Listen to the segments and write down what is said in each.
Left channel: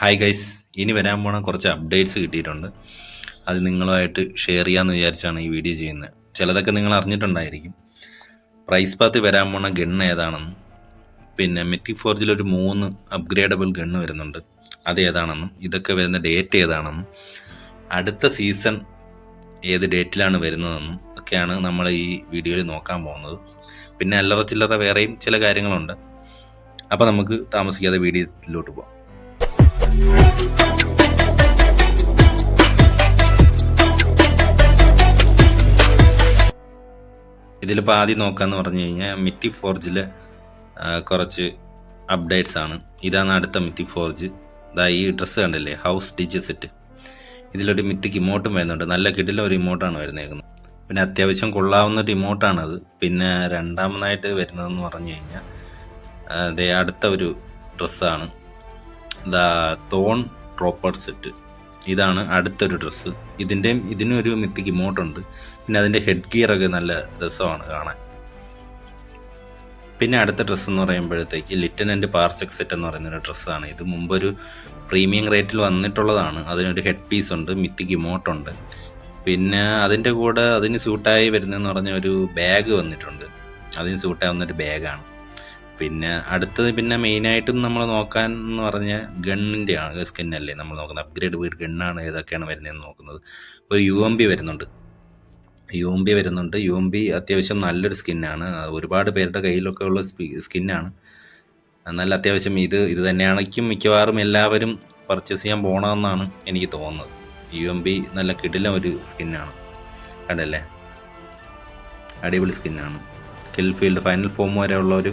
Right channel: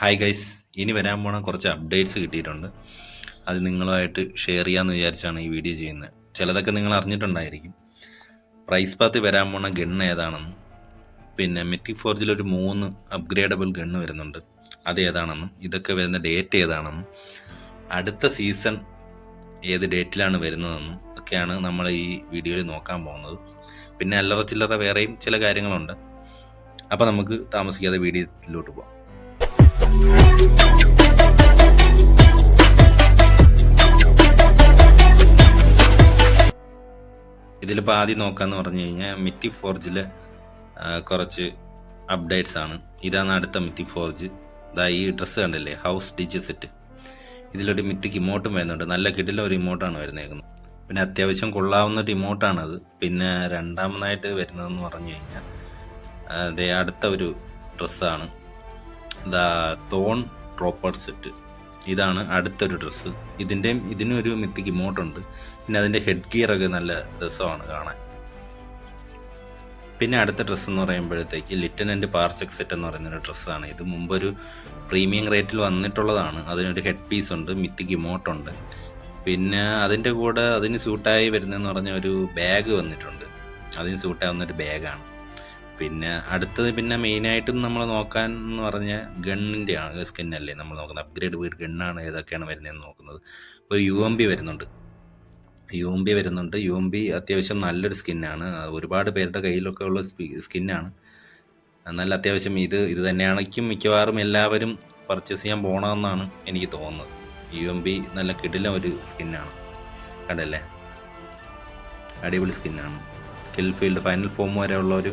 Hi guys ഇനി വരാൻ പോണ കുറച്ച് അപ്ഡേറ്റ്സ് കിട്ടിയിട്ടുണ്ട്. അത് നിങ്ങളുമായിട്ട് ഷെയർ ചെയ്യാമെന്ന് വിചാരിച്ചാണ് ഈ വീഡിയോ ചെയ്യുന്നത്. ചിലതൊക്കെ നിങ്ങൾ അറിഞ്ഞിട്ടുണ്ടായിരിക്കും. പ്രൈസ് പാത്ത് വരാൻ പോണ ഗണ്ണ് ഏതാണെന്നും പിന്നെ മെത്തി ഫോർജിൽ ഒരു മൂന്ന് അപ്ഗ്രേഡബിൾ ഗണ്ണ് വരുന്നുണ്ട്. അത് ഏതാണെന്നും ഇതൊക്കെ വരുന്ന ഡേറ്റ് ഏതാണെന്നും അടുത്ത സീസൺ ഏത് ഡേറ്റിലാണ് വരുന്നതെന്നും ഒക്കെയാണ് നമ്മൾ ഈ വീഡിയോയിൽ നോക്കാൻ പോകുന്നത്. പിന്നെ അല്ലറ ചില്ലറ വേറെയും ചില കാര്യങ്ങളുണ്ട്. അപ്പോൾ നമുക്ക് താമസിക്കാതെ വീഡിയോയിലോട്ട് പോകാം ഇതിലിപ്പോൾ ആദ്യം നോക്കാന്ന് പറഞ്ഞു കഴിഞ്ഞാൽ മിറ്റി ഫോർജിൽ കുറച്ച് അപ്ഡേറ്റ്സ് ആണ്. ഇതാണ് അടുത്ത മിറ്റി ഫോർജ് ഇതാ ഈ ഡ്രസ്സ് കണ്ടില്ലേ? ഹൗസ് ഡിജ് സെറ്റ് ഇതിലൊരു മിറ്റിക്ക് ഇമോട്ടും വരുന്നുണ്ട്. നല്ല കിടില ഒരു ഇമോട്ടാണ് വരുന്നേക്കുന്നത്. പിന്നെ അത്യാവശ്യം കൊള്ളാവുന്ന ഒരു ഇമോട്ടാണത് പിന്നെ രണ്ടാമതായിട്ട് വരുന്നതെന്ന് പറഞ്ഞു കഴിഞ്ഞാൽ ദേ അടുത്ത ഒരു ഡ്രസ്സാണ് ദ തോൺ ട്രോപ്പർ സെറ്റ്. ഇതാണ് അടുത്തൊരു ഡ്രസ്സ്. ഇതിന്റെയും ഇതിനൊരു മിത്തിക്ക് ഇമോട്ടുണ്ട്. പിന്നെ അതിന്റെ ഹെഡ് ഗിയർ ഒക്കെ നല്ല രസമാണ് കാണാൻ. പിന്നെ അടുത്ത ഡ്രസ്സ് എന്ന് പറയുമ്പോഴത്തേക്ക് ലിറ്റനന്റ് പാർസെക് സെറ്റ് എന്ന് പറയുന്ന ഒരു ഡ്രസ്സാണ്. ഇത് മുമ്പൊരു പ്രീമിയം റേറ്റിൽ വന്നിട്ടുള്ളതാണ്. അതിനൊരു ഹെഡ് പീസ് ഉണ്ട് മിത്തിക്ക് ഇമോട്ടുണ്ട് പിന്നെ അതിന്റെ കൂടെ അതിന് സ്യൂട്ടായി വരുന്നതെന്ന് പറഞ്ഞ ഒരു ബാഗ് വന്നിട്ടുണ്ട്. അതിന് സ്യൂട്ടാവുന്ന ഒരു ബാഗാണ് പിന്നെ അടുത്തത് പിന്നെ മെയിനായിട്ടും നമ്മൾ നോക്കാൻ എന്ന് പറഞ്ഞാൽ ഗണ്ണിന്റെ ആണ് സ്കിന്നല്ലേ നമ്മൾ നോക്കുന്നത് അപ്ഗ്രേഡ് വീട് ഗണ്ണാണ് ഏതൊക്കെയാണ് വരുന്നതെന്ന് നോക്കുന്നത്. ഒരു യു എം ബി വരുന്നുണ്ട്. യു എം ബി വരുന്നുണ്ട്. യു എം ബി അത്യാവശ്യം നല്ലൊരു സ്കിന്നാണ് ഒരുപാട് പേരുടെ കയ്യിലൊക്കെ ഉള്ള സ്കിന്നാണ് നല്ല അത്യാവശ്യം ഇത് ഇത് തന്നെയാണെങ്കിലും മിക്കവാറും എല്ലാവരും പർച്ചേസ് ചെയ്യാൻ പോകണമെന്നാണ് എനിക്ക് തോന്നുന്നത്. യു എം ബി നല്ല കിടിലം ഒരു സ്കിന്നാണ് കണ്ടല്ലേ? അടിപൊളി സ്കിന്നാണ് കിൽ ഫീൽഡ് ഫൈനൽ ഫോം വരെയുള്ള ഒരു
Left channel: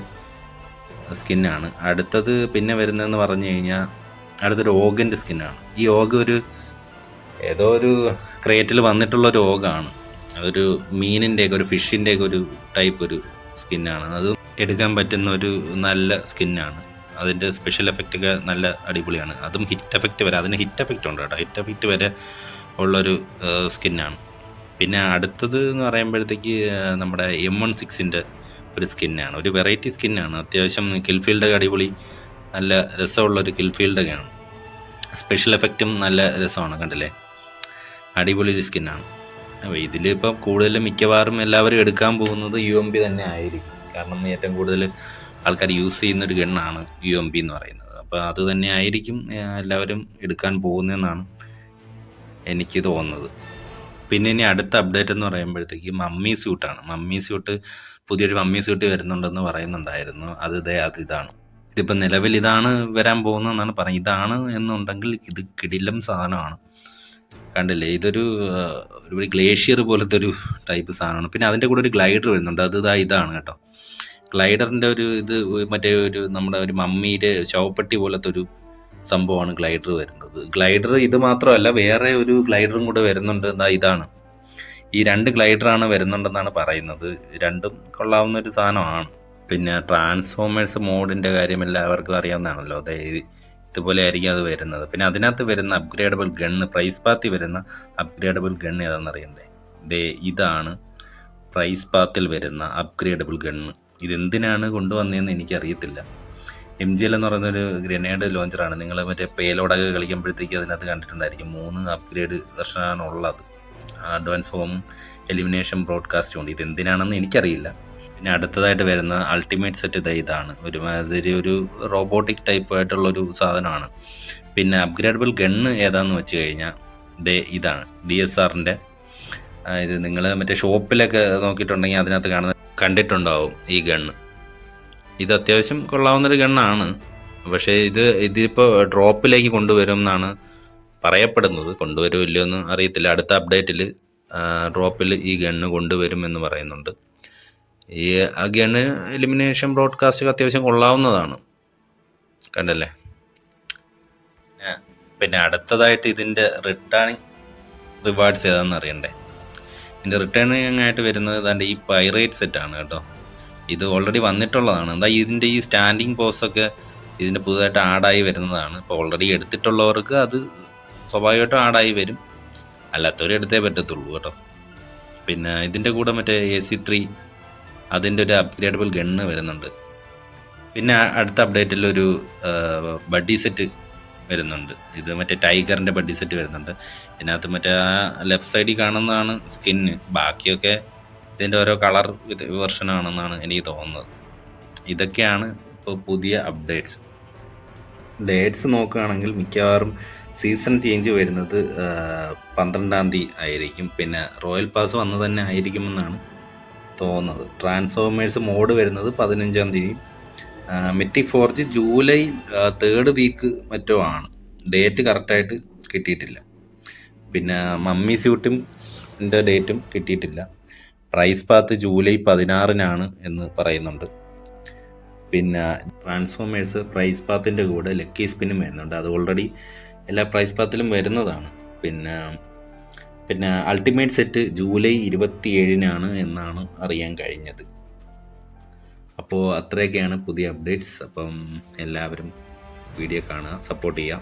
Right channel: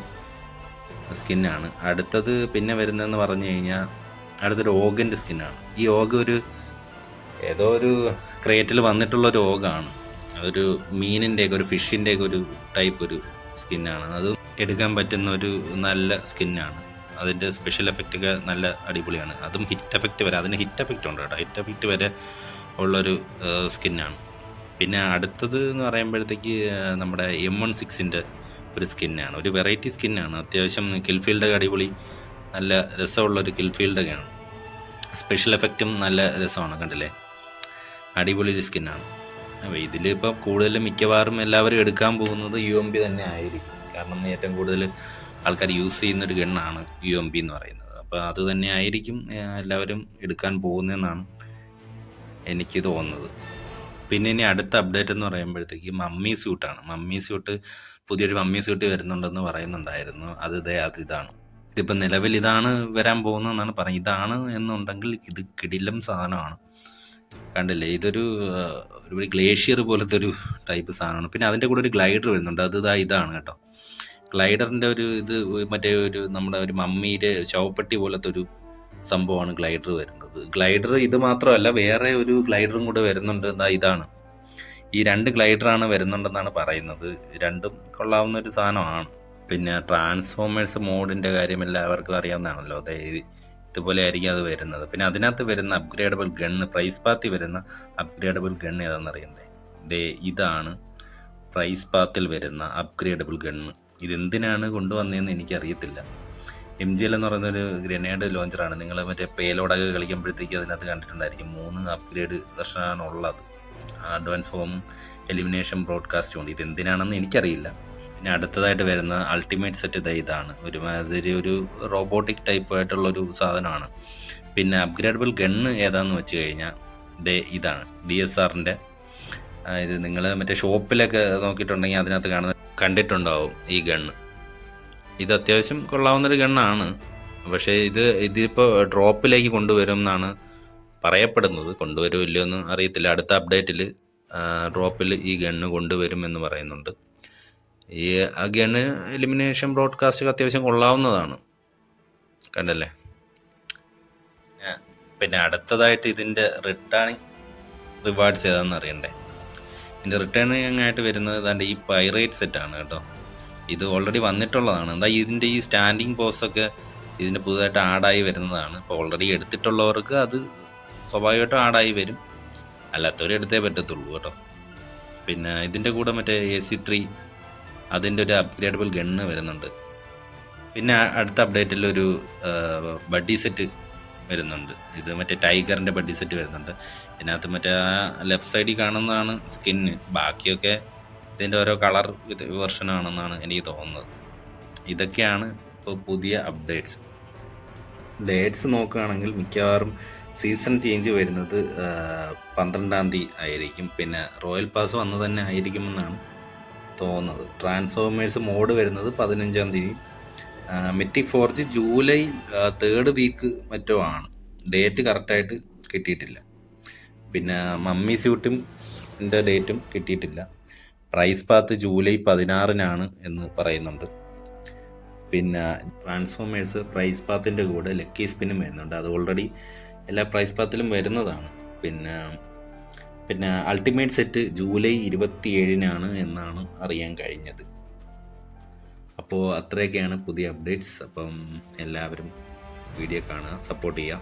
സ്കിന്നാണ്. അടുത്തത് പിന്നെ വരുന്നതെന്ന് പറഞ്ഞു കഴിഞ്ഞാൽ അടുത്തൊരു ഓഗന്റെ സ്കിന്നാണ്. ഈ ഓഗ ഒരു ഏതോ ഒരു ക്രേറ്റിൽ വന്നിട്ടുള്ള ഒരു ഓഗാണ് അതൊരു മീനിന്റെയൊക്കെ ഒരു ഫിഷിന്റെയൊക്കെ ഒരു ടൈപ്പ് ഒരു സ്കിന്നാണ്. അത് എടുക്കാൻ പറ്റുന്ന ഒരു നല്ല സ്കിന്നാണ്. അതിന്റെ സ്പെഷ്യൽ എഫക്റ്റ് ഒക്കെ നല്ല അടിപൊളിയാണ്. അതും ഹിറ്റ് എഫക്റ്റ് വരെ അതിന് ഹിറ്റ് എഫക്റ്റ് ഉണ്ട് കേട്ടോ. ഹിറ്റ് എഫക്റ്റ് വരെ ഉള്ളൊരു സ്കിന്നാണ്. പിന്നെ അടുത്തത് എന്ന് പറയുമ്പോഴത്തേക്ക് നമ്മുടെ എം വൺ സിക്സിന്റെ ഒരു സ്കിന്നാണ്. ഒരു വെറൈറ്റി സ്കിന്നാണ്. അത്യാവശ്യം കിൽഫീൽഡൊക്കെ അടിപൊളി നല്ല രസമുള്ള ഒരു കിൽഫീൽഡൊക്കെയാണ് സ്പെഷ്യൽ എഫക്റ്റും നല്ല രസമാണ് കണ്ടില്ലേ? അടിപൊളി ഒരു സ്കിന്നാണ്. ഇതിലിപ്പോൾ കൂടുതലും മിക്കവാറും എല്ലാവരും എടുക്കാൻ പോകുന്നത് യു എം പി തന്നെ ആയിരിക്കും. കാരണം ഏറ്റവും കൂടുതൽ ആൾക്കാർ യൂസ് ചെയ്യുന്ന ഒരു ഗണ്ണാണ് യു എം പി എന്ന് പറയുന്നത്. അപ്പോൾ അത് തന്നെ ആയിരിക്കും എല്ലാവരും എടുക്കാൻ പോകുന്നതെന്നാണ് എനിക്ക് തോന്നുന്നത്. പിന്നെ ഇനി അടുത്ത അപ്ഡേറ്റ് എന്ന് പറയുമ്പോഴത്തേക്ക് മമ്മി സ്യൂട്ടാണ് മമ്മി സ്യൂട്ട് പുതിയൊരു മമ്മി സ്യൂട്ട് വരുന്നുണ്ടെന്ന് പറയുന്നുണ്ടായിരുന്നു. അത് ഇതേ അത് ഇതാണ്. ഇതിപ്പോൾ നിലവിൽ ഇതാണ് വരാൻ പോകുന്നതെന്നാണ് പറയുന്നത്. ഇതാണ് എന്നുണ്ടെങ്കിൽ ഇത് കിടിലം സാധനമാണ്. കണ്ടില്ലേ? ഇതൊരു ഒരു ഗ്ലേഷ്യർ പോലത്തെ ഒരു ടൈപ്പ് സാധനമാണ്. പിന്നെ അതിന്റെ കൂടെ ഒരു ഗ്ലൈഡർ വരുന്നുണ്ട്. അത് ഇതാ ഇതാണ് കേട്ടോ. ഗ്ലൈഡറിന്റെ ഒരു ഇത് മറ്റേ ഒരു നമ്മുടെ ഒരു മമ്മിയുടെ ശവപ്പെട്ടി പോലത്തെ ഒരു സംഭവമാണ് ഗ്ലൈഡർ വരുന്നത്. ഗ്ലൈഡർ ഇത് മാത്രമല്ല വേറെ ഒരു ഗ്ലൈഡറും കൂടെ വരുന്നുണ്ട്. എന്താ ഇതാണ്. ഈ രണ്ട് ഗ്ലൈഡറാണ് വരുന്നുണ്ടെന്നാണ് പറയുന്നത്. രണ്ടും കൊള്ളാവുന്ന ഒരു സാധനമാണ്. പിന്നെ ട്രാൻസ്ഫോമേഴ്സ് മോഡിന്റെ കാര്യം എല്ലാവർക്കും അറിയാവുന്നതാണല്ലോ. അതായത് ഇതുപോലെ ആയിരിക്കും അത് വരുന്നത്. പിന്നെ അതിനകത്ത് വരുന്ന അപ്ഗ്രേഡബിൾ ഗണ്ണ് പ്രൈസ് പാത്തിൽ വരുന്ന അപ്ഗ്രേഡബിൾ ഗണ്ണ് ഏതാണെന്ന് അറിയണ്ടേ? ദേ ഇതാണ് പ്രൈസ് പാത്തിൽ വരുന്ന അപ്ഗ്രേഡബിൾ ഗണ്ണ് ഇതെന്തിനാണ് കൊണ്ടുവന്നതെന്ന് എനിക്കറിയത്തില്ല. എം ജി എൽ എന്ന് പറയുന്നൊരു ഗ്രനേഡ് ലോഞ്ചറാണ് നിങ്ങൾ മറ്റേ പേലോടൊക്കെ കളിക്കുമ്പോഴത്തേക്ക് അതിനകത്ത് കണ്ടിട്ടുണ്ടായിരിക്കും. മൂന്ന് അപ്ഗ്രേഡ് വെർഷനാണ് ഉള്ളത്. അഡ്വാൻസ് ഹോം എലിമിനേഷൻ ബ്രോഡ്കാസ്റ്റും ഉണ്ട് ഇതെന്തിനാണെന്ന് എനിക്കറിയില്ല. പിന്നെ അടുത്തതായിട്ട് വരുന്ന അൾട്ടിമേറ്റ് സെറ്റ് ഇത് ഇതാണ്. ഒരുമാതിരി ഒരു റോബോട്ടിക് ടൈപ്പ് ആയിട്ടുള്ള ഒരു സാധനമാണ്. പിന്നെ അപ്ഗ്രേഡബിൾ ഗണ്ണ് ഏതാന്ന് വെച്ച് കഴിഞ്ഞാൽ ദേ ഇതാണ്. ഡി എസ് ആറിന്റെ ഇത് നിങ്ങൾ മറ്റേ ഷോപ്പിലൊക്കെ നോക്കിയിട്ടുണ്ടെങ്കിൽ അതിനകത്ത് കാണുന്ന കണ്ടിട്ടുണ്ടാവും ഈ ഗണ്ണ് ഇത് അത്യാവശ്യം കൊള്ളാവുന്നൊരു ഗണ്ണാണ് പക്ഷേ ഇത് ഇതിപ്പോൾ ഡ്രോപ്പിലേക്ക് കൊണ്ടുവരും എന്നാണ് പറയപ്പെടുന്നത് കൊണ്ടുവരുമോ ഇല്ലയോ എന്ന് അറിയത്തില്ല. അടുത്ത അപ്ഡേറ്റിൽ ഡ്രോപ്പിൽ ഈ ഗണ്ണ് കൊണ്ടുവരും എന്ന് പറയുന്നുണ്ട്. ഈ ആ ഗണ്ണ് എലിമിനേഷൻ ബ്രോഡ്കാസ്റ്റ് അത്യാവശ്യം കൊള്ളാവുന്നതാണ്. കണ്ടല്ലേ? പിന്നെ അടുത്തതായിട്ട് ഇതിന്റെ റിട്ടേണിങ് റിവാർഡ്സ് ഏതാണെന്ന് അറിയണ്ടേ? ഇതിന്റെ റിട്ടേണിങ് ആയിട്ട് വരുന്നത് അതിന്റെ ഈ പൈറേറ്റ് സെറ്റ് ആണ് കേട്ടോ. ഇത് ഓൾറെഡി വന്നിട്ടുള്ളതാണ്. എന്താ ഇതിന്റെ ഈ സ്റ്റാൻഡിങ് പോസ്റ്റൊക്കെ ഇതിന്റെ പുതുതായിട്ട് ആഡായി വരുന്നതാണ്. ഇപ്പോൾ ഓൾറെഡി എടുത്തിട്ടുള്ളവർക്ക് അത് സ്വാഭാവികമായിട്ടും ആഡായി വരും. അല്ലാത്തവരെ എടുത്തേ പറ്റത്തുള്ളൂ കേട്ടോ. പിന്നെ ഇതിന്റെ കൂടെ മറ്റേ എ സി ത്രീ അതിന്റെ ഒരു അപ്ഗ്രേഡബിൾ ഗണ്ണ് വരുന്നുണ്ട്. പിന്നെ അടുത്ത അപ്ഡേറ്റിൽ ഒരു ബഡ്ഡി സെറ്റ് വരുന്നുണ്ട്. ഇത് മറ്റേ ടൈഗറിന്റെ ബഡ്ഡി സെറ്റ് വരുന്നുണ്ട്. ഇതിനകത്ത് മറ്റേ ആ ലെഫ്റ്റ് സൈഡിൽ കാണുന്നതാണ് സ്കിന്ന് ബാക്കിയൊക്കെ ഇതിന്റെ ഓരോ കളർ വെർഷനാണെന്നാണ് എനിക്ക് തോന്നുന്നത്. ഇതൊക്കെയാണ് ഇപ്പോൾ പുതിയ അപ്ഡേറ്റ്സ് ഡേറ്റ്സ് നോക്കുകയാണെങ്കിൽ മിക്കവാറും സീസൺ ചേഞ്ച് വരുന്നത് പന്ത്രണ്ടാം തീയതി ആയിരിക്കും. പിന്നെ റോയൽ പാസ് വന്ന് തന്നെ ആയിരിക്കുമെന്നാണ് തോന്നുന്നത്. ട്രാൻസ്ഫോമേഴ്സ് മോഡ് വരുന്നത് പതിനഞ്ചാം തീയതി. മെറ്റിക് four G July third week മറ്റോ ആണ്. ഡേറ്റ് കറക്റ്റായിട്ട് കിട്ടിയിട്ടില്ല. പിന്നെ മമ്മി സ്യൂട്ടും ഡേറ്റും കിട്ടിയിട്ടില്ല. പ്രൈസ് പാത്ത് ജൂലൈ പതിനാറിനാണ് എന്ന് പറയുന്നുണ്ട്. പിന്നെ ട്രാൻസ്ഫോമേഴ്സ് പ്രൈസ് പാത്തിന്റെ കൂടെ ലക്കി സ്പിന്നും വരുന്നുണ്ട്. അത് ഓൾറെഡി എല്ലാ പ്രൈസ് പാത്തിലും വരുന്നതാണ്. പിന്നെ പിന്നെ അൾട്ടിമേറ്റ് സെറ്റ് ജൂലൈ ഇരുപത്തി ഏഴിനാണ് എന്നാണ് അറിയാൻ കഴിഞ്ഞത്. അപ്പോൾ അത്രയൊക്കെയാണ് പുതിയ അപ്ഡേറ്റ്സ് അപ്പം എല്ലാവരും വീഡിയോ കാണുക സപ്പോർട്ട് ചെയ്യുക.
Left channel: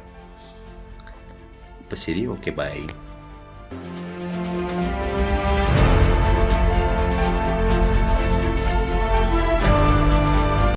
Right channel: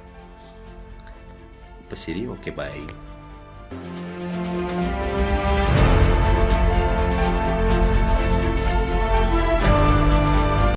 അപ്പോൾ ശരി ഓക്കെ ബൈ